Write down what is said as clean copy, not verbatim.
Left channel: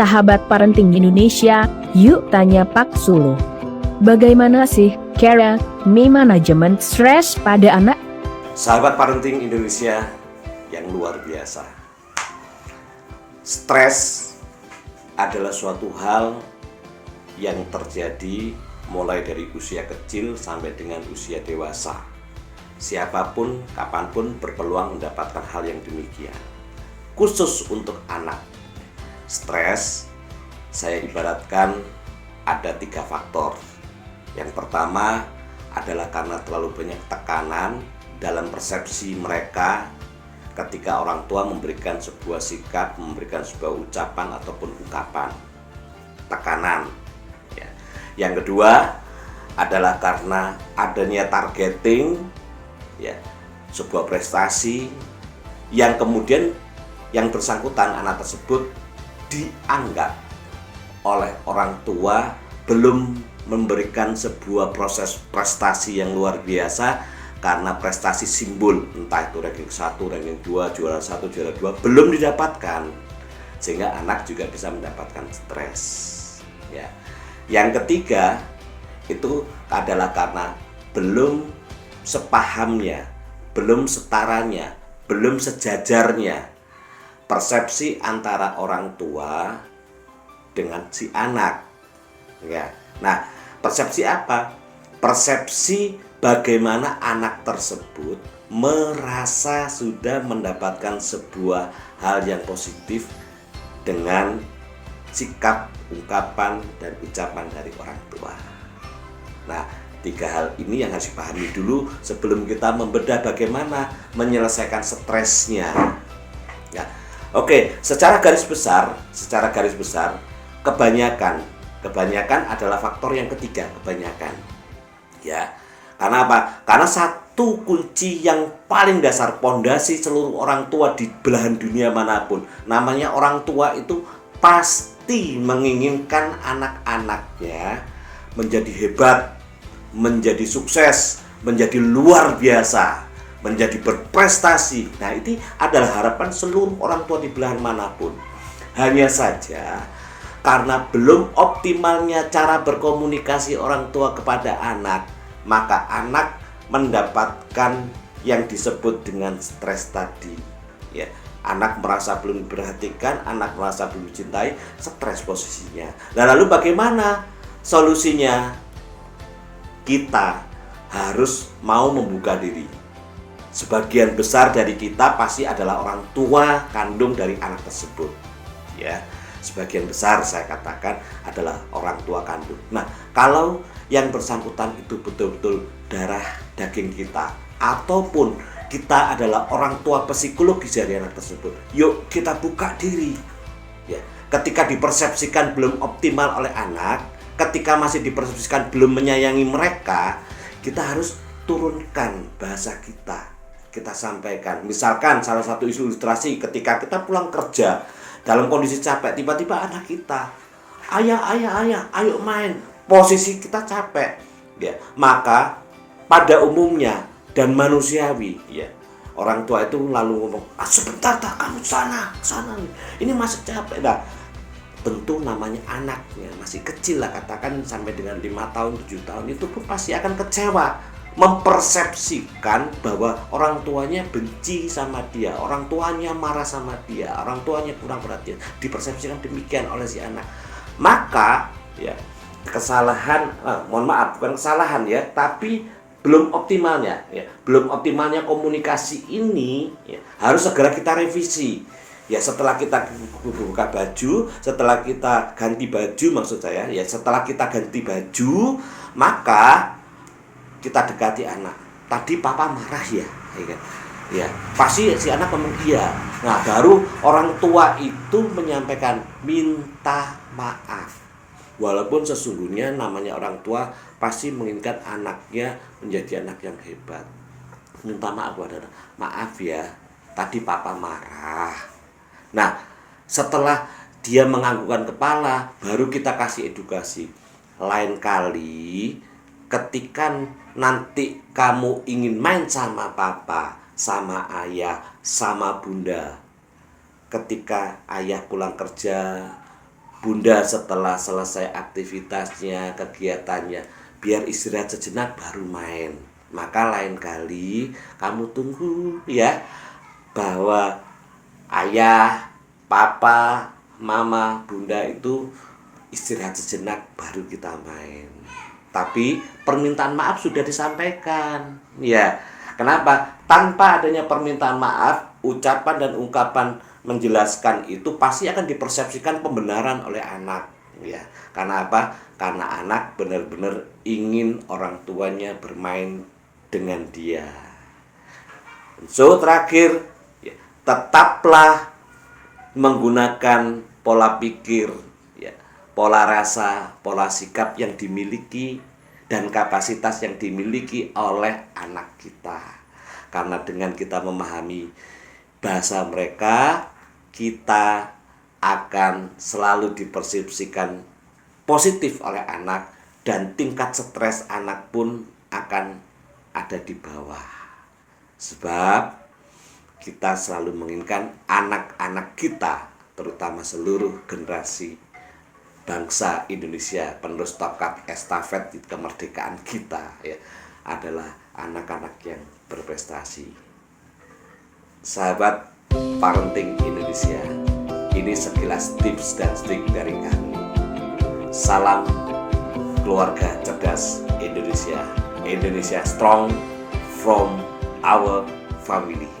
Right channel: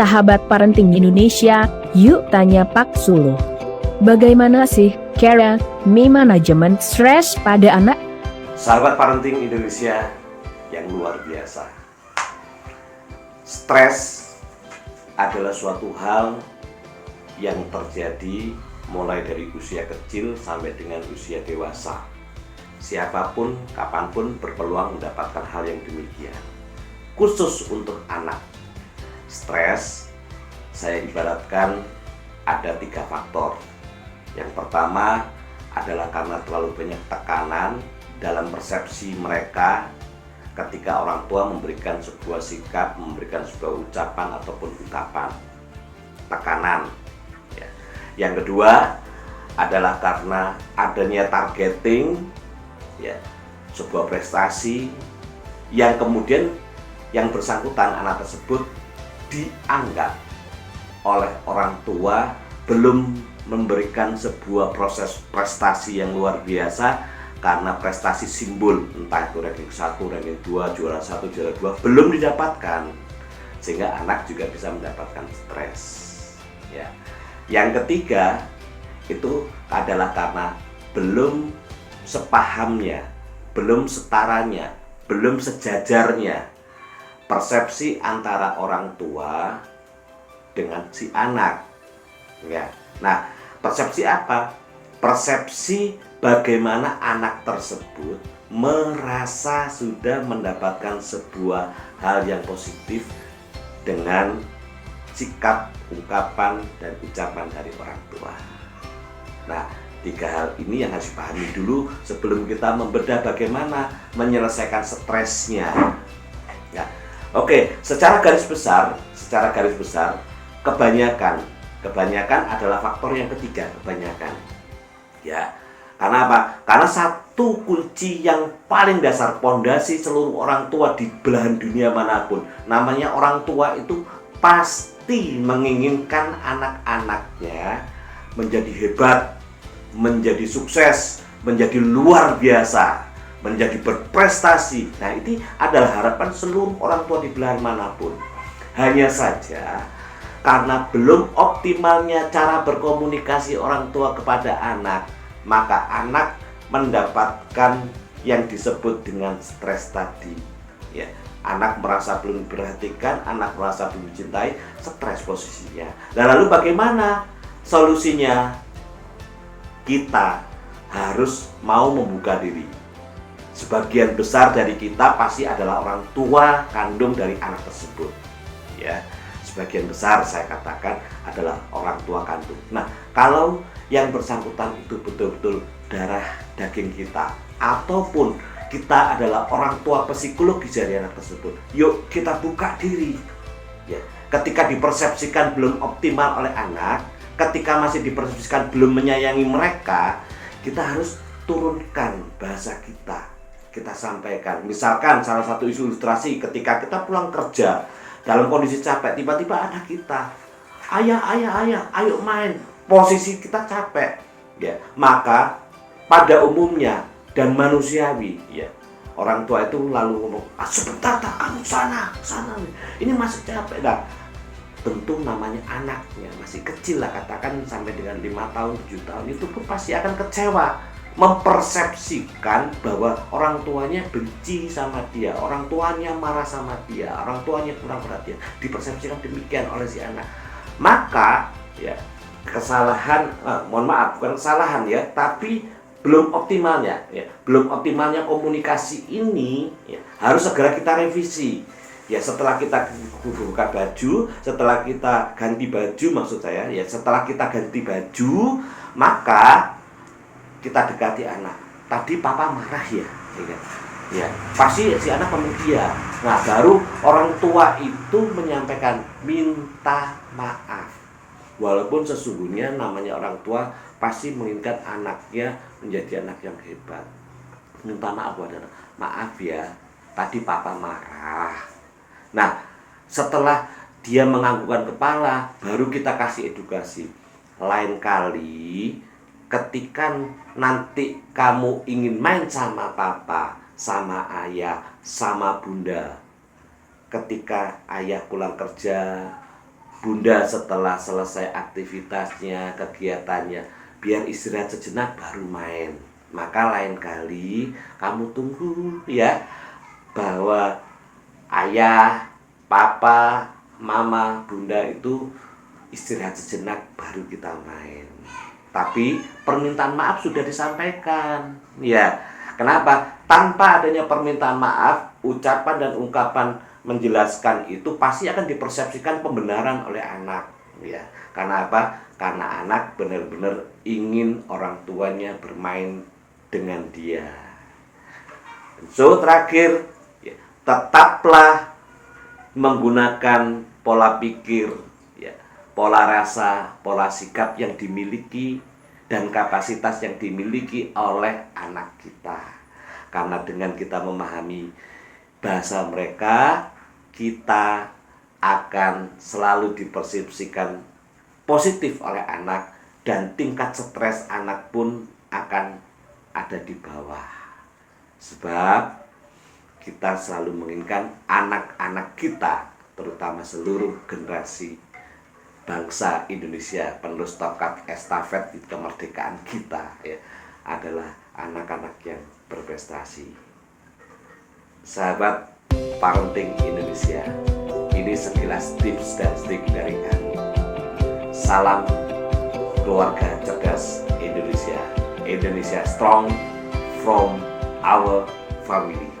sahabat parenting Indonesia, yuk tanya Pak Sulu. Bagaimana sih cara manajemen stres pada anak? Sahabat parenting Indonesia yang luar biasa. Stres adalah suatu hal yang terjadi mulai dari usia kecil sampai dengan usia dewasa. Siapapun, kapanpun berpeluang mendapatkan hal yang demikian. Khusus untuk anak, stres saya ibaratkan ada 3 faktor. Yang pertama adalah karena terlalu banyak tekanan dalam persepsi mereka ketika orang tua memberikan sebuah sikap, memberikan sebuah ucapan ataupun ungkapan. Tekanan. Yang kedua adalah karena adanya targeting, sebuah prestasi yang kemudian yang bersangkutan anak tersebut dianggap oleh orang tua belum memberikan sebuah proses prestasi yang luar biasa karena prestasi simbol, entah itu ranking 1, ranking 2, juara 1, juara 2 belum didapatkan, sehingga anak juga bisa mendapatkan stres. Yang ketiga itu adalah karena belum sepahamnya, belum setaranya, belum sejajarnya persepsi antara orang tua dengan si anak. Nah, persepsi apa? Persepsi bagaimana anak tersebut merasa sudah mendapatkan sebuah hal yang positif dengan sikap, ungkapan, dan ucapan dari orang tua. Nah, 3 hal ini yang harus dipahami dulu sebelum kita membedah bagaimana menyelesaikan stresnya. Oke, secara garis besar, kebanyakan adalah faktor yang ketiga, kebanyakan. Karena apa? Karena satu kunci yang paling dasar, pondasi seluruh orang tua di belahan dunia manapun, namanya orang tua itu pasti menginginkan anak-anaknya menjadi hebat, menjadi sukses, menjadi luar biasa, menjadi berprestasi. Nah, ini adalah harapan seluruh orang tua di belahan manapun. Hanya saja karena belum optimalnya cara berkomunikasi orang tua kepada anak, maka anak mendapatkan yang disebut dengan stres tadi. Anak merasa belum diperhatikan, anak merasa belum dicintai, stres posisinya. Nah, lalu bagaimana solusinya? Kita harus mau membuka diri. Sebagian besar dari kita pasti adalah orang tua kandung dari anak tersebut. Sebagian besar saya katakan adalah orang tua kandung. Nah, kalau yang bersangkutan itu betul-betul darah daging kita, ataupun kita adalah orang tua psikologis dari anak tersebut, yuk kita buka diri. Ketika dipersepsikan belum optimal oleh anak, ketika masih dipersepsikan belum menyayangi mereka, kita harus turunkan bahasa kita sampaikan. Misalkan salah satu ilustrasi ketika kita pulang kerja dalam kondisi capek, tiba-tiba anak kita, ayah, ayo main. Posisi kita capek, maka pada umumnya dan manusiawi, orang tua itu lalu ngomong, sebentar tak, kamu sana, ini masih capek. Nah, tentu namanya anaknya masih kecil lah, katakan sampai dengan 5 tahun, 7 tahun, itu pun pasti akan kecewa, mempersepsikan bahwa orang tuanya benci sama dia, orang tuanya marah sama dia, orang tuanya kurang perhatian, dipersepsikan demikian oleh si anak. Maka kesalahan, bukan kesalahan tapi belum optimalnya komunikasi ini harus segera kita revisi. Setelah kita buka baju, setelah kita ganti baju, setelah kita ganti baju, maka kita dekati anak. Tadi papa marah pasti si anak ngomong iya. Nah, baru orang tua itu menyampaikan minta maaf. Walaupun sesungguhnya namanya orang tua pasti menginginkan anaknya menjadi anak yang hebat. Minta maaf adalah, maaf tadi papa marah. Nah, setelah dia menganggukkan kepala, baru kita kasih edukasi. Lain kali ketika nanti kamu ingin main sama papa, sama ayah, sama bunda, ketika ayah pulang kerja, Bunda setelah selesai aktivitasnya, kegiatannya, biar istirahat sejenak baru main. Maka lain kali kamu tunggu ya, bahwa ayah, papa, mama, bunda itu istirahat sejenak baru kita main. Tapi permintaan maaf sudah disampaikan. Ya, kenapa? Tanpa adanya permintaan maaf, ucapan dan ungkapan menjelaskan itu pasti akan dipersepsikan pembenaran oleh anak. Ya, karena apa? Karena anak benar-benar ingin orang tuanya bermain dengan dia. So, terakhir, ya, tetaplah menggunakan pola pikir, ya, pola rasa, pola sikap yang dimiliki dan kapasitas yang dimiliki oleh anak kita. Karena dengan kita memahami bahasa mereka, kita akan selalu dipersepsikan positif oleh anak, dan tingkat stres anak pun akan ada di bawah. Sebab kita selalu menginginkan anak-anak kita, terutama seluruh generasi bangsa Indonesia, penerus tongkat estafet kemerdekaan kita, ya, adalah anak-anak yang berprestasi. Sahabat Parenting Indonesia, ini sekilas tips dan trik dari kami. Salam keluarga cerdas Indonesia. Indonesia strong from our family.